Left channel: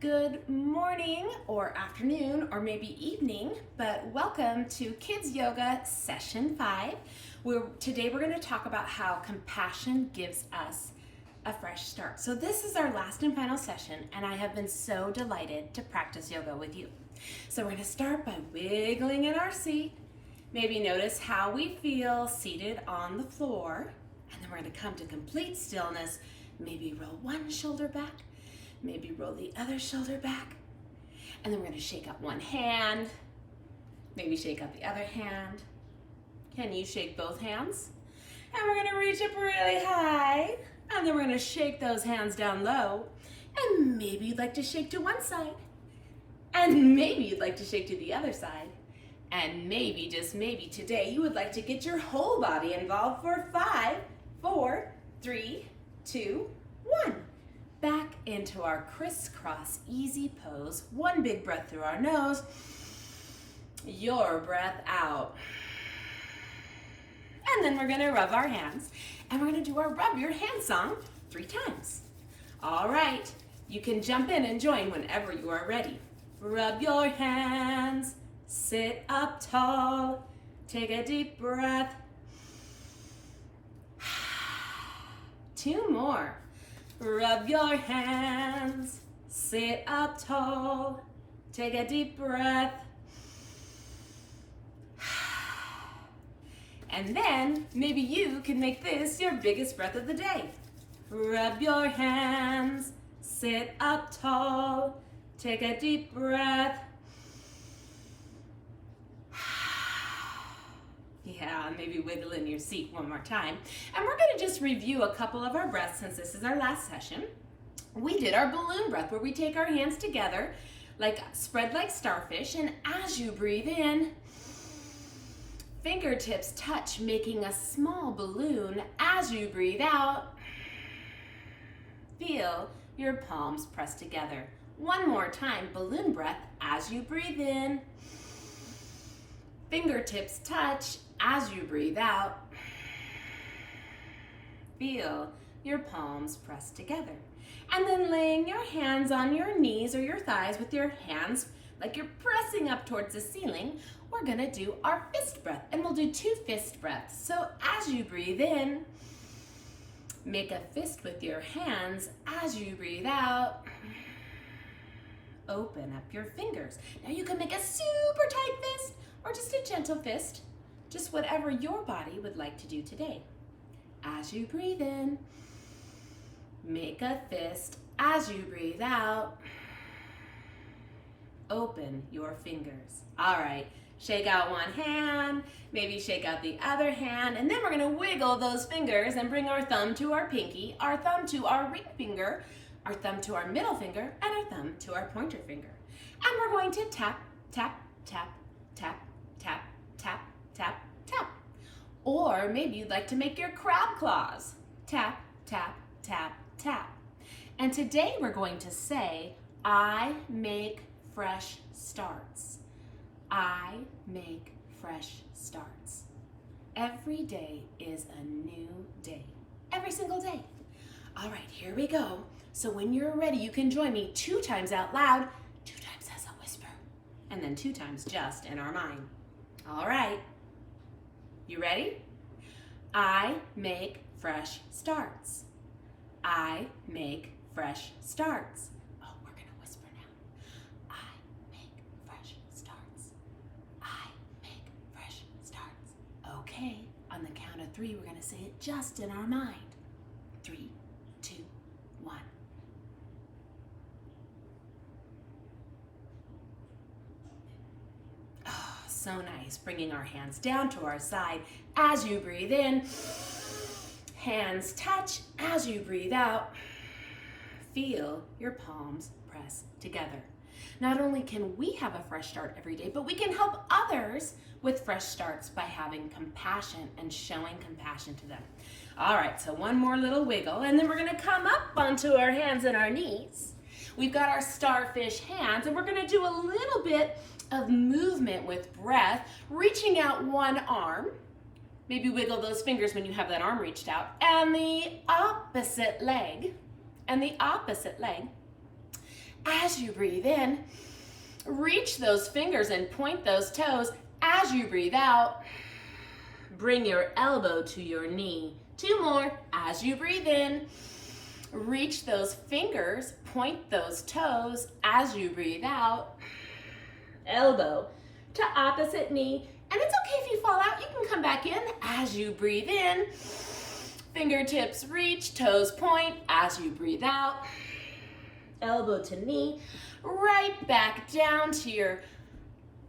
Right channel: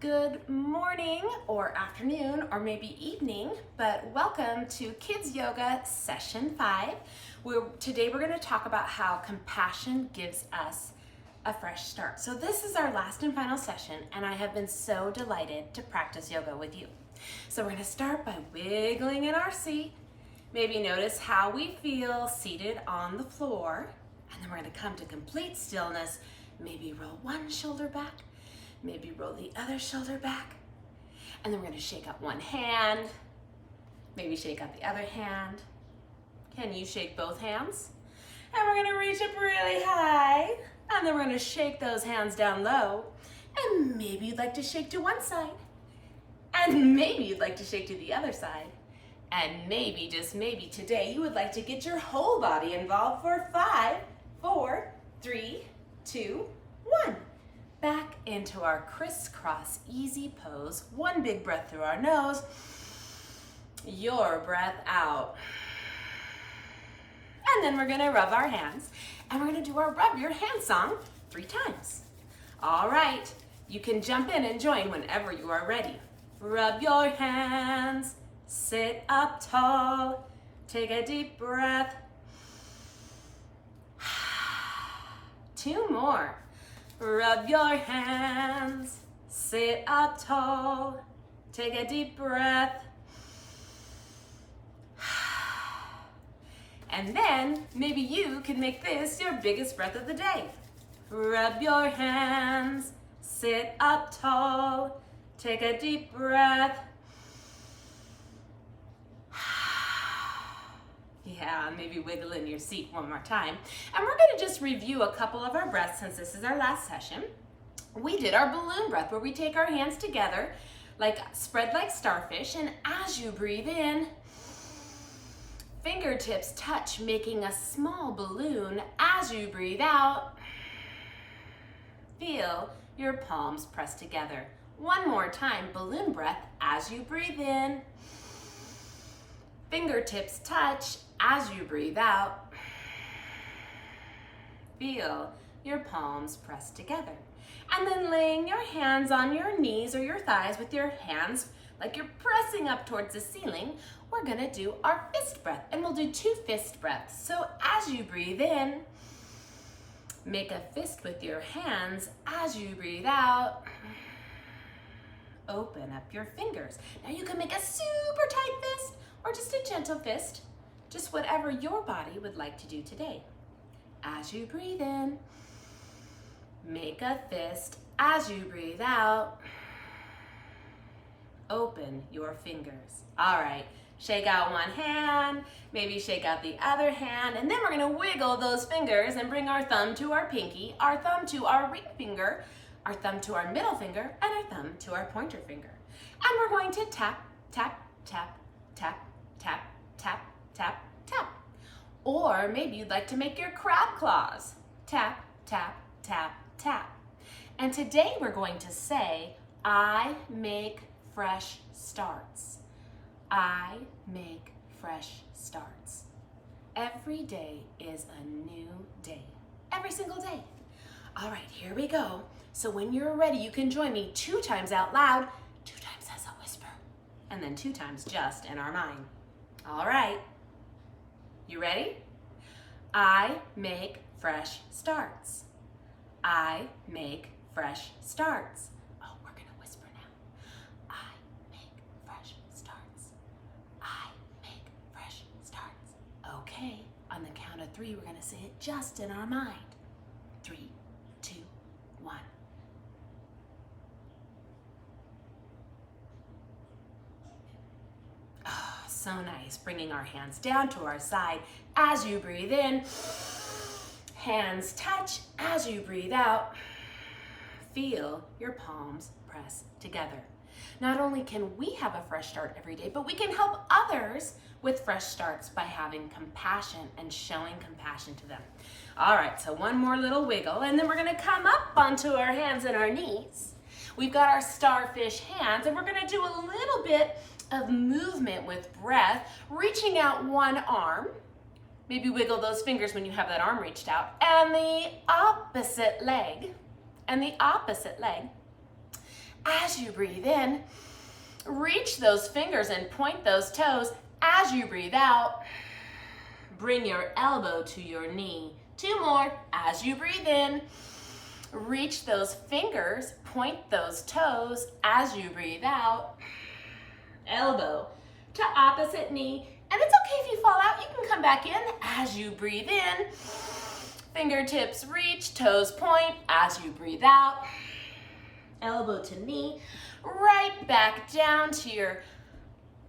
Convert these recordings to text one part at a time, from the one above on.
Good morning or afternoon or maybe evening, but welcome to Kids Yoga Session 5. Today we're going to talk about how compassion gives us a fresh start. So this is our last and final session, and I have been so delighted to practice yoga with you. So we're going to start by wiggling in our seat. Maybe notice how we feel seated on the floor, and then we're going to come to complete stillness. Maybe roll one shoulder back. Maybe roll the other shoulder back. And then we're going to shake out one hand. Maybe shake out the other hand. Can you shake both hands? And we're going to reach up really high. And then we're going to shake those hands down low. And maybe you'd like to shake to one side. And maybe you'd like to shake to the other side. And maybe, just maybe, today you would like to get your whole body involved for 5, 4, 3, 2, 1. Back into our crisscross easy pose. One big breath through our nose. Your breath out. And then we're gonna rub our hands. And we're gonna do our rub your hand song 3 times. All right, you can jump in and join whenever you are ready. Rub your hands, sit up tall, take a deep breath. 2 more. Rub your hands, sit up tall, take a deep breath. And then maybe you can make this your biggest breath of the day. Rub your hands, sit up tall, take a deep breath. Yeah, maybe wiggle in your seat one more time. And we're going to just review a couple of our breaths since this is our last session. We did our balloon breath where we take our hands together, spread like starfish, and as you breathe in, fingertips touch, making a small balloon. As you breathe out, feel your palms press together. One more time, balloon breath as you breathe in. Fingertips touch. As you breathe out, feel your palms press together. And then laying your hands on your knees or your thighs with your hands like you're pressing up towards the ceiling, we're gonna do our fist breath. And we'll do 2 fist breaths. So as you breathe in, make a fist with your hands. As you breathe out, open up your fingers. Now you can make a super tight fist or just a gentle fist. Just whatever your body would like to do today. As you breathe in, make a fist. As you breathe out, open your fingers. All right, shake out one hand, maybe shake out the other hand, and then we're gonna wiggle those fingers and bring our thumb to our pinky, our thumb to our ring finger, our thumb to our middle finger, and our thumb to our pointer finger. And we're going to tap, tap, tap, tap, tap, tap, tap, tap. Or maybe you'd like to make your crab claws. Tap, tap, tap, tap. And today we're going to say, I make fresh starts. I make fresh starts. Every day is a new day. Every single day. All right, here we go. So when you're ready, you can join me 2 times out loud, 2 times as a whisper, and then 2 times just in our mind. All right. You ready? I make fresh starts. I make fresh starts. Oh, we're gonna whisper now. I make fresh starts. I make fresh starts. Okay, on the count of 3, we're gonna say it just in our mind. 3, 2, 1. So nice, bringing our hands down to our side. As you breathe in, hands touch. As you breathe out, feel your palms press together. Not only can we have a fresh start every day, but we can help others with fresh starts by having compassion and showing compassion to them. All right, so one more little wiggle, and then we're gonna come up onto our hands and our knees. We've got our starfish hands, and we're gonna do a little bit of movement with breath, reaching out one arm. Maybe wiggle those fingers when you have that arm reached out. And the opposite leg. And the opposite leg. as you breathe in. Reach those fingers and point those toes as you breathe out. Bring your elbow to your knee. 2 more as you breathe in. Reach those fingers, point those toes as you breathe out. Elbow to opposite knee. And it's okay if you fall out, you can come back in as you breathe in. Fingertips reach, toes point as you breathe out. Elbow to knee, right back down to your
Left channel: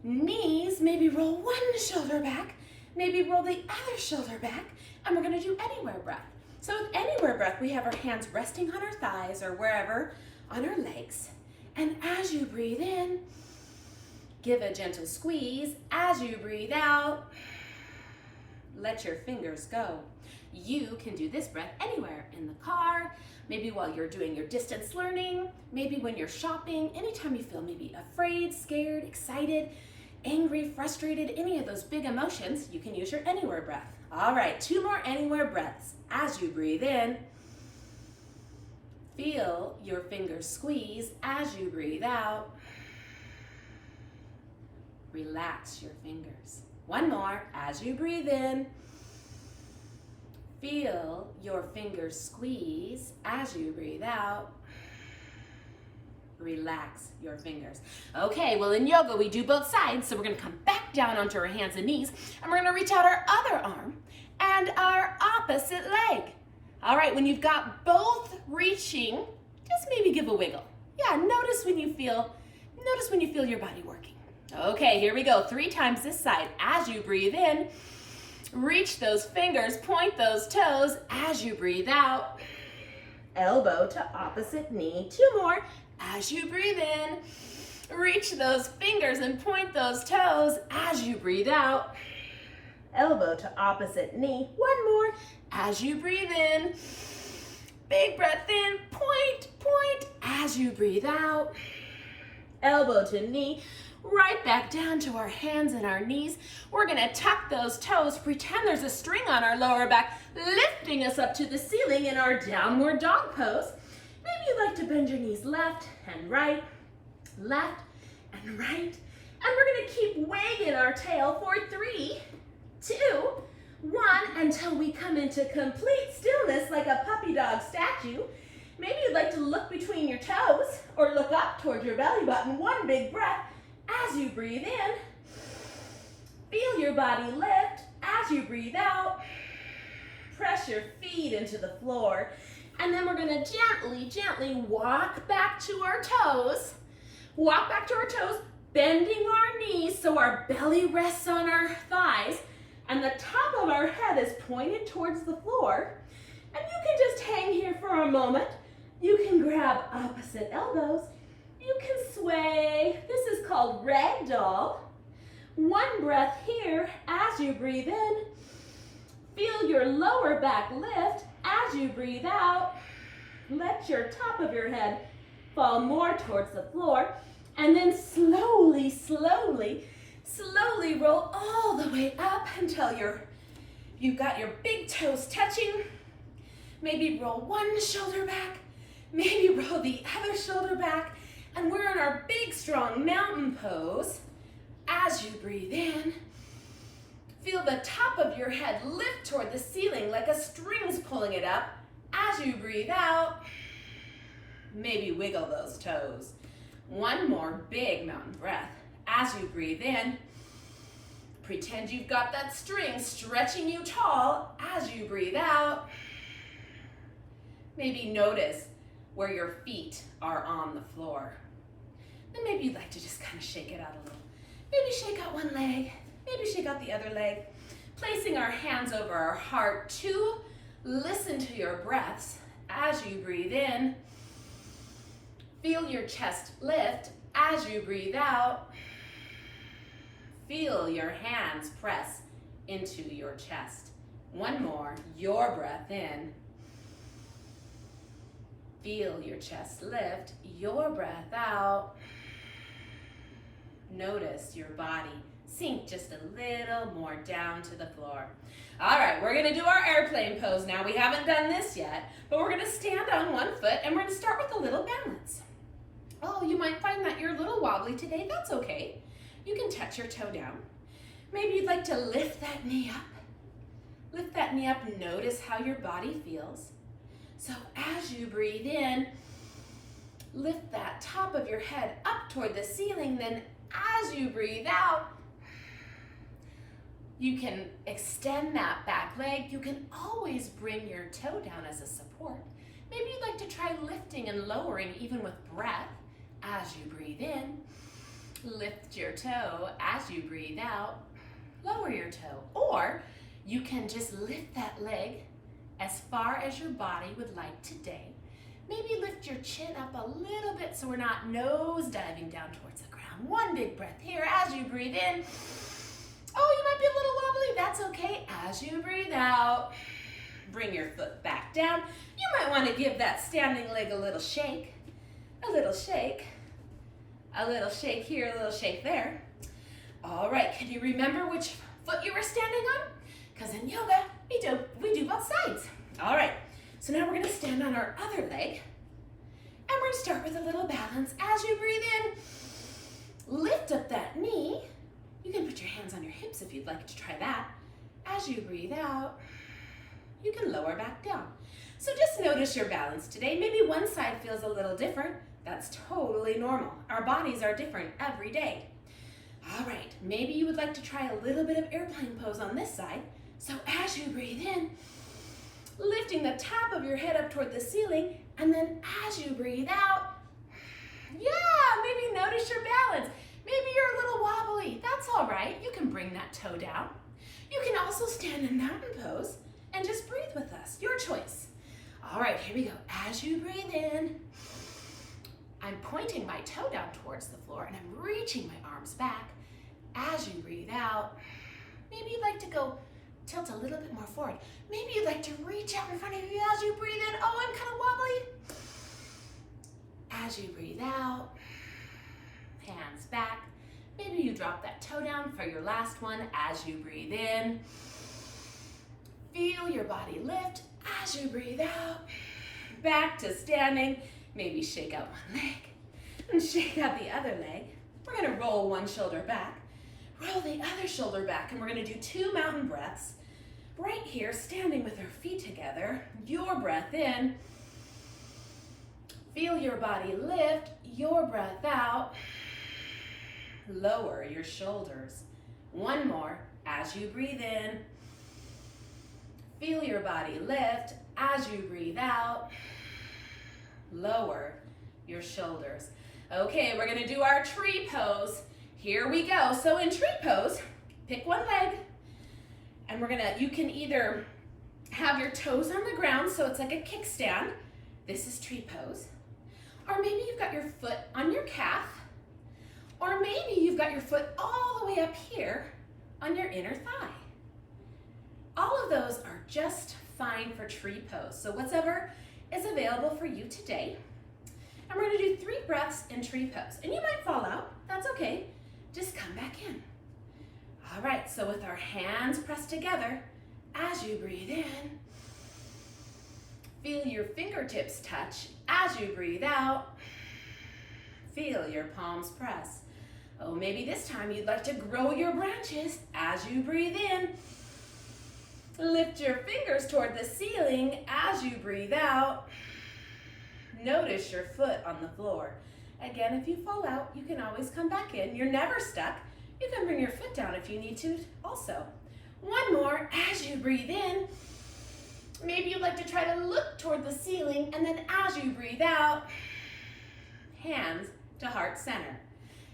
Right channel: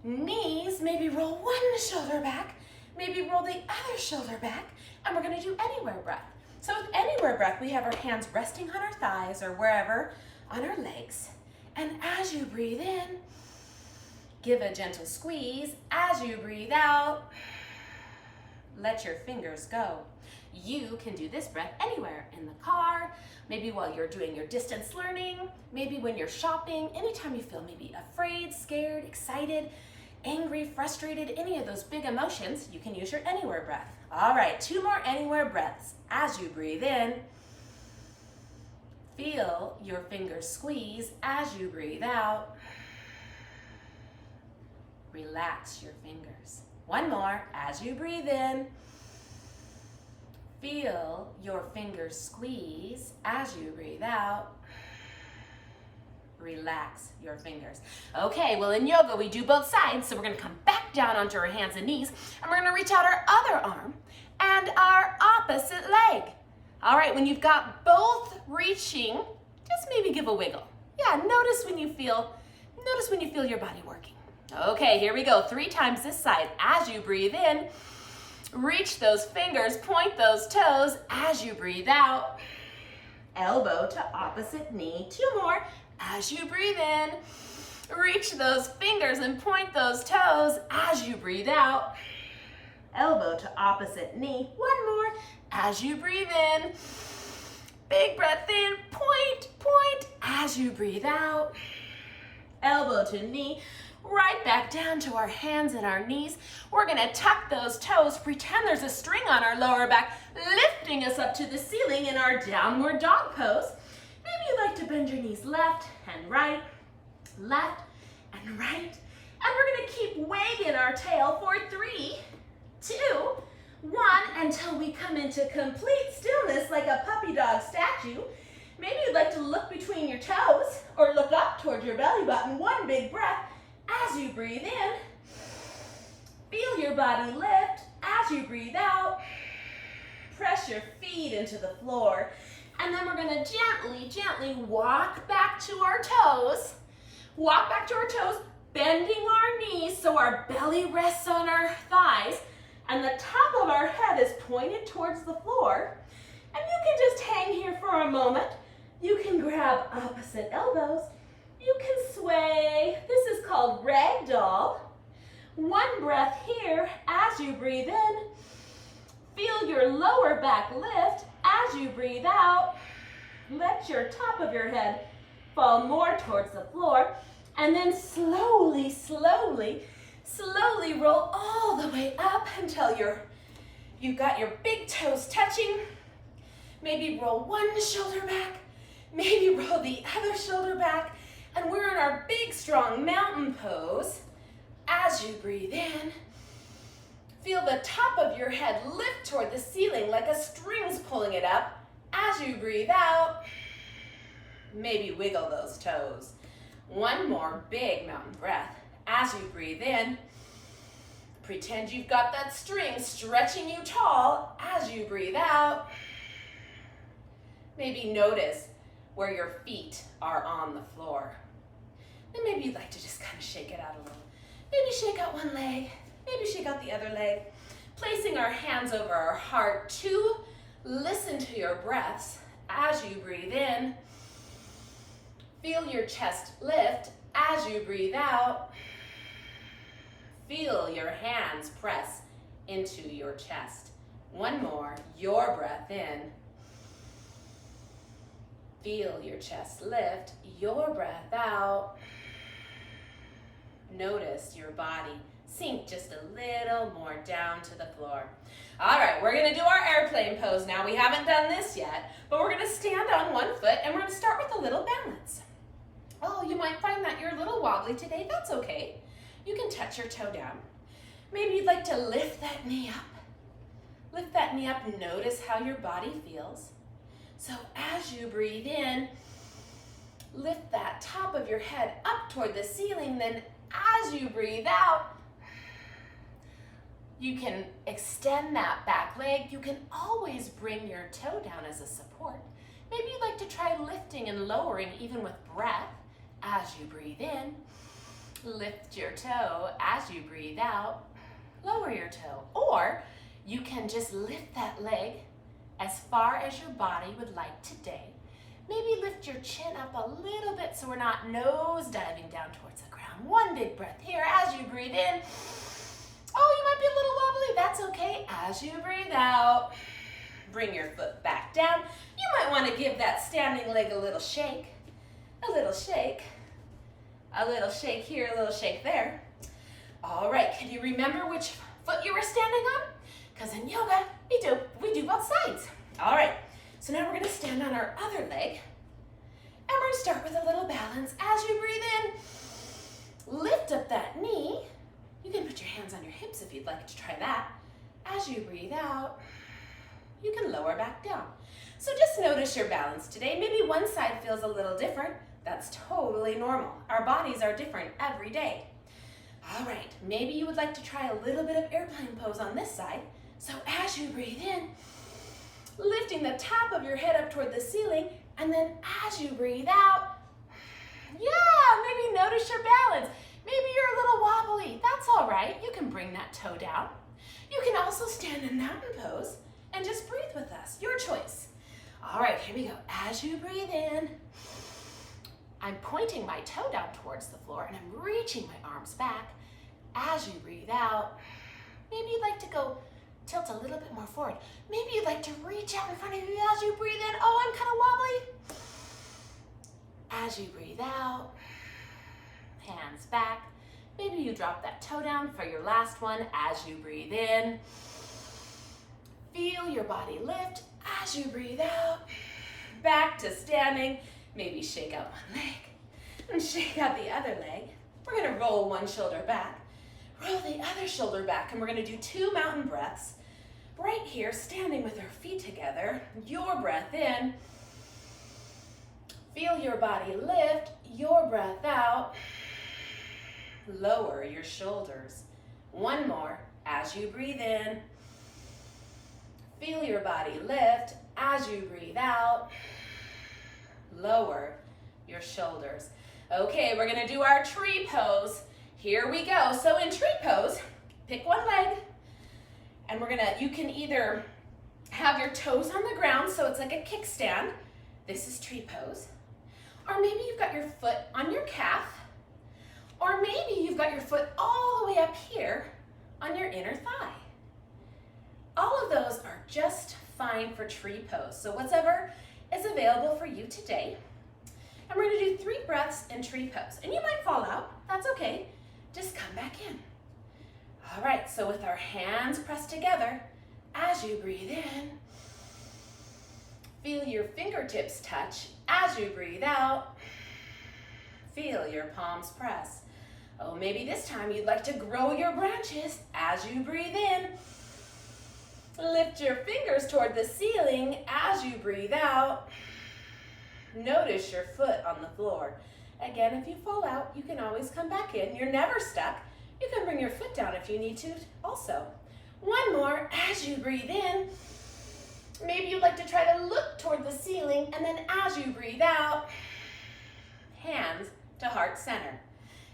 knees. Maybe roll one shoulder back, maybe roll the other shoulder back, and we're gonna do anywhere breath. So with anywhere breath, we have our hands resting on our thighs or wherever on our legs. And as you breathe in, give a gentle squeeze. As you breathe out, let your fingers go. You can do this breath anywhere, in the car, maybe while you're doing your distance learning, maybe when you're shopping, anytime you feel maybe afraid, scared, excited, angry, frustrated, any of those big emotions, you can use your anywhere breath. All right, 2 more anywhere breaths. As you breathe in, feel your fingers squeeze. As you breathe out, relax your fingers. 1 more. As you breathe in, feel your fingers squeeze. As you breathe out, relax your fingers. Okay, well in yoga we do both sides, so we're gonna come back down onto our hands and knees, and we're gonna reach out our other arm and our opposite leg. All right, when you've got both reaching, just maybe give a wiggle. Yeah, notice when you feel your body working. Okay, here we go. 3 times this side. As you breathe in, reach those fingers, point those toes. As you breathe out, elbow to opposite knee. 2 more. As you breathe in, reach those fingers and point those toes. As you breathe out, elbow to opposite knee. 1 more. As you breathe in, big breath in, point, point. As you breathe out, elbow to knee. Right back down to our hands and our knees. We're gonna tuck those toes, pretend there's a string on our lower back, lifting us up to the ceiling in our downward dog pose. Maybe you'd like to bend your knees left and right, left and right. And we're gonna keep wagging our tail for 3, 2, 1, until we come into complete stillness like a puppy dog statue. Maybe you'd like to look between your toes or look up towards your belly button. 1 big breath. As you breathe in, feel your body lift. As you breathe out, press your feet into the floor. And then we're gonna gently, gently walk back to our toes. Walk back to our toes, bending our knees so our belly rests on our thighs and the top of our head is pointed towards the floor. And you can just hang here for a moment. You can grab opposite elbows. You can sway. This is called ragdoll. 1 breath here. As you breathe in, feel your lower back lift. As you breathe out, let your top of your head fall more towards the floor. And then slowly, slowly, slowly roll all the way up until you've got your big toes touching. Maybe roll 1 shoulder back. Maybe roll the other shoulder back. And we're in our big, strong mountain pose. As you breathe in, feel the top of your head lift toward the ceiling like a string's pulling it up. As you breathe out, maybe wiggle those toes. 1 more big mountain breath. As you breathe in, pretend you've got that string stretching you tall. As you breathe out, maybe notice where your feet are on the floor. Then maybe you'd like to just kind of shake it out a little. Maybe shake out 1 leg, maybe shake out the other leg. Placing our hands over our heart to listen to your breaths. As you breathe in, feel your chest lift. As you breathe out, feel your hands press into your chest. 1 more, your breath in. Feel your chest lift, your breath out. Notice your body sink just a little more down to the floor. All right, we're gonna do our airplane pose now. We haven't done this yet, but we're gonna stand on 1 foot and we're gonna start with a little balance. Oh, Oh, you might find that you're a little wobbly today. That's okay. You can touch your toe down. Maybe you'd like to lift that knee up. Lift that knee up. Notice how your body feels. So as you breathe in, lift that top of your head up toward the ceiling. Then as you breathe out, you can extend that back leg. You can always bring your toe down as a support. Maybe you'd like to try lifting and lowering even with breath. As you breathe in, lift your toe. As you breathe out, lower your toe. Or you can just lift that leg as far as your body would like today. Maybe lift your chin up a little bit so we're not nose diving down towards the ground. One big breath here as you breathe in. Oh, you might be a little wobbly. That's okay. As you breathe out, bring your foot back down. You might want to give that standing leg a little shake. A little shake. A little shake here, a little shake there. All right, can you remember which foot you were standing on? Because in yoga, we do both sides. All right, so now we're going to stand on our other leg. And we're going to start with a little balance. As you breathe in, lift up that knee. You can put your hands on your hips if you'd like to try that. As you breathe out, you can lower back down. So just notice your balance today. Maybe one side feels a little different. That's totally normal. Our bodies are different every day. All right, maybe you would like to try a little bit of airplane pose on this side. So as you breathe in, lifting the top of your head up toward the ceiling, and then as you breathe out, maybe notice your balance. Maybe you're a little wobbly. That's all right. You can bring that toe down. You can also stand in mountain pose and just breathe with us. Your choice. All right, here we go. As you breathe in, I'm pointing my toe down towards the floor and I'm reaching my arms back. As you breathe out, maybe you'd like to go tilt a little bit more forward. Maybe you'd like to reach out in front of you as you breathe in. Oh, I'm kind of wobbly. As you breathe out, hands back. Maybe you drop that toe down for your last one. As you breathe in, feel your body lift. As you breathe out, back to standing. Maybe shake out one leg and shake out the other leg. We're going to roll one shoulder back, roll the other shoulder back, and we're going to do 2 mountain breaths right here, standing with our feet together. Your breath in. Feel your body lift. Your breath out. Lower your shoulders. One more. As you breathe in, feel your body lift. As you breathe out, lower your shoulders. Okay, we're gonna do our tree pose. Here we go. So in tree pose, pick one leg, and you can either have your toes on the ground, so it's like a kickstand. This is tree pose. Or maybe you've got your foot on your calf, or maybe you've got your foot all the way up here on your inner thigh. All of those are just fine for tree pose. So whatever is available for you today. And we're gonna do 3 breaths in tree pose. And you might fall out, that's okay. Just come back in. All right, so with our hands pressed together, as you breathe in, feel your fingertips touch. As you breathe out, feel your palms press. Oh, maybe this time you'd like to grow your branches. As you breathe in, lift your fingers toward the ceiling. As you breathe out, notice your foot on the floor. Again, if you fall out, you can always come back in. You're never stuck. You can bring your foot down if you need to also. One more. As you breathe in, maybe you'd like to try to look toward the ceiling, and then as you breathe out, hands to heart center.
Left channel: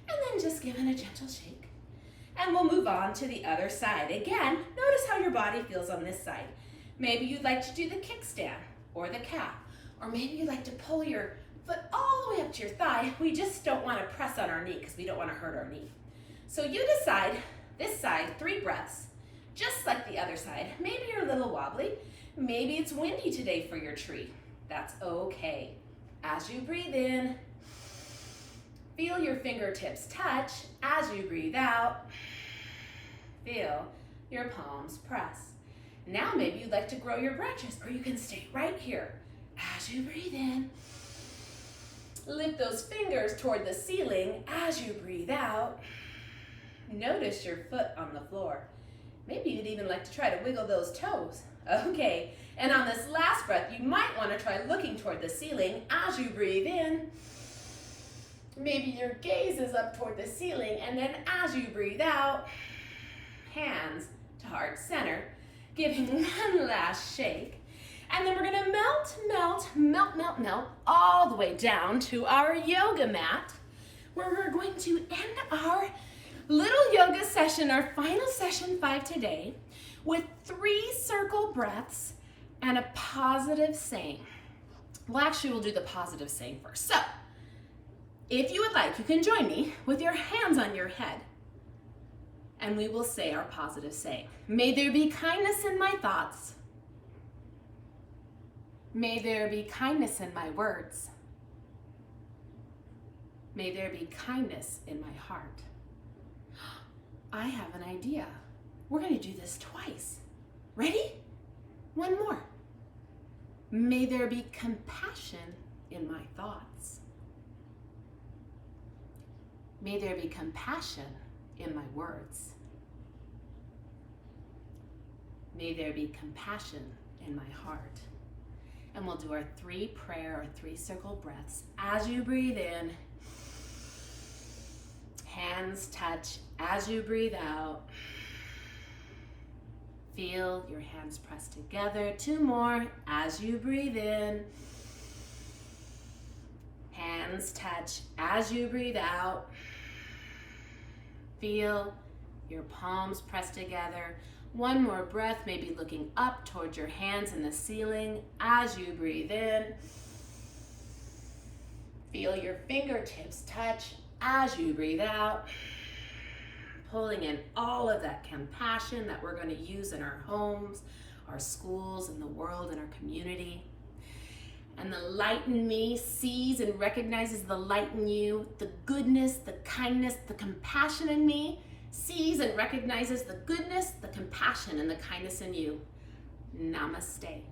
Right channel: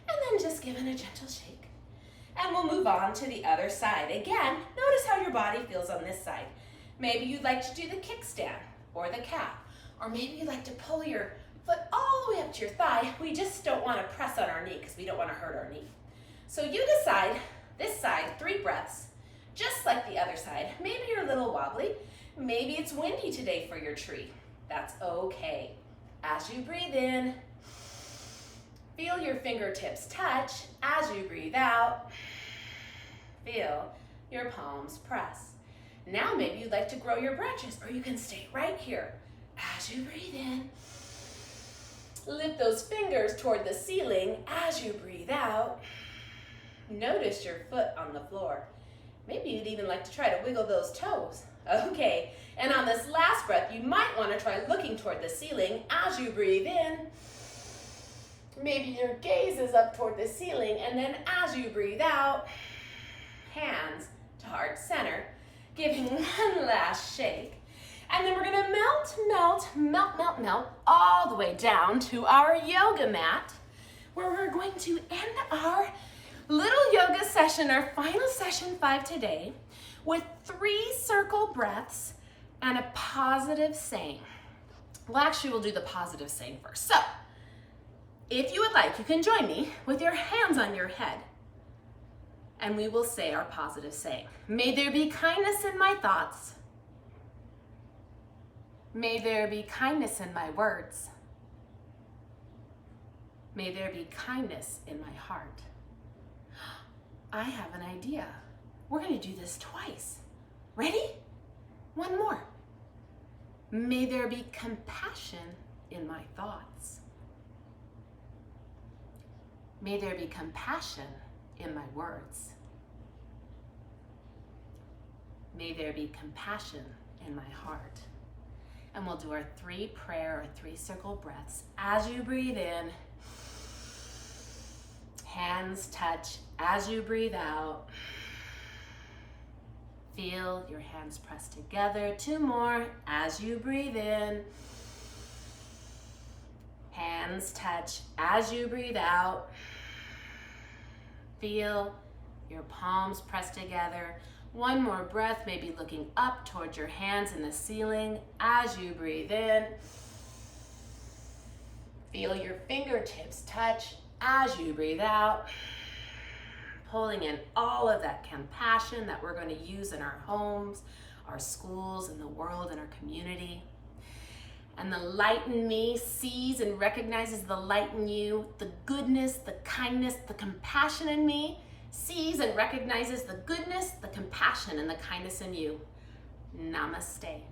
And then just give it a gentle shake. And we'll move on to the other side. Again, notice how your body feels on this side. Maybe you'd like to do the kickstand or the calf. Or maybe you'd like to pull your foot all the way up to your thigh. We just don't want to press on our knee because we don't want to hurt our knee. So you decide, this side, 3 breaths, just like the other side. Maybe you're a little wobbly. Maybe it's windy today for your tree. That's okay. As you breathe in, feel your fingertips touch. As you breathe out, feel your palms press. Now maybe you'd like to grow your branches, or you can stay right here. As you breathe in, Lift those fingers toward the ceiling as you breathe out. Notice your foot on the floor. Maybe you'd even like to try to wiggle those toes. Okay, and on this last breath, you might want to try looking toward the ceiling as you breathe in. Maybe your gaze is up toward the ceiling, and then as you breathe out, hands to heart center, giving one last shake. And then we're gonna melt all the way down to our yoga mat, where we're going to end our little yoga session, our final session 5 today, with 3 circle breaths and a positive saying. Well, actually, we'll do the positive saying first. So, if you would like, you can join me with your hands on your head, and we will say our positive saying. May there be kindness in my thoughts. May there be kindness in my words. May there be kindness in my heart. I have an idea. We're going to do this twice. Ready? One more. May there be compassion in my thoughts. May there be compassion in my words. May there be compassion in my heart. And we'll do our 3 prayer or 3 circle breaths. As you breathe in, hands touch. As you breathe out, feel your hands press together. 2 more. As you breathe in, hands touch. As you breathe out, feel your palms press together. 1 more breath, maybe looking up towards your hands in the ceiling. As you breathe in, feel your fingertips touch. As you breathe out, pulling in all of that compassion that we're going to use in our homes, our schools, in the world, in our community. And the light in me sees and recognizes the light in you, the goodness, the kindness, the compassion in me sees and recognizes the goodness, the compassion, and the kindness in you. Namaste.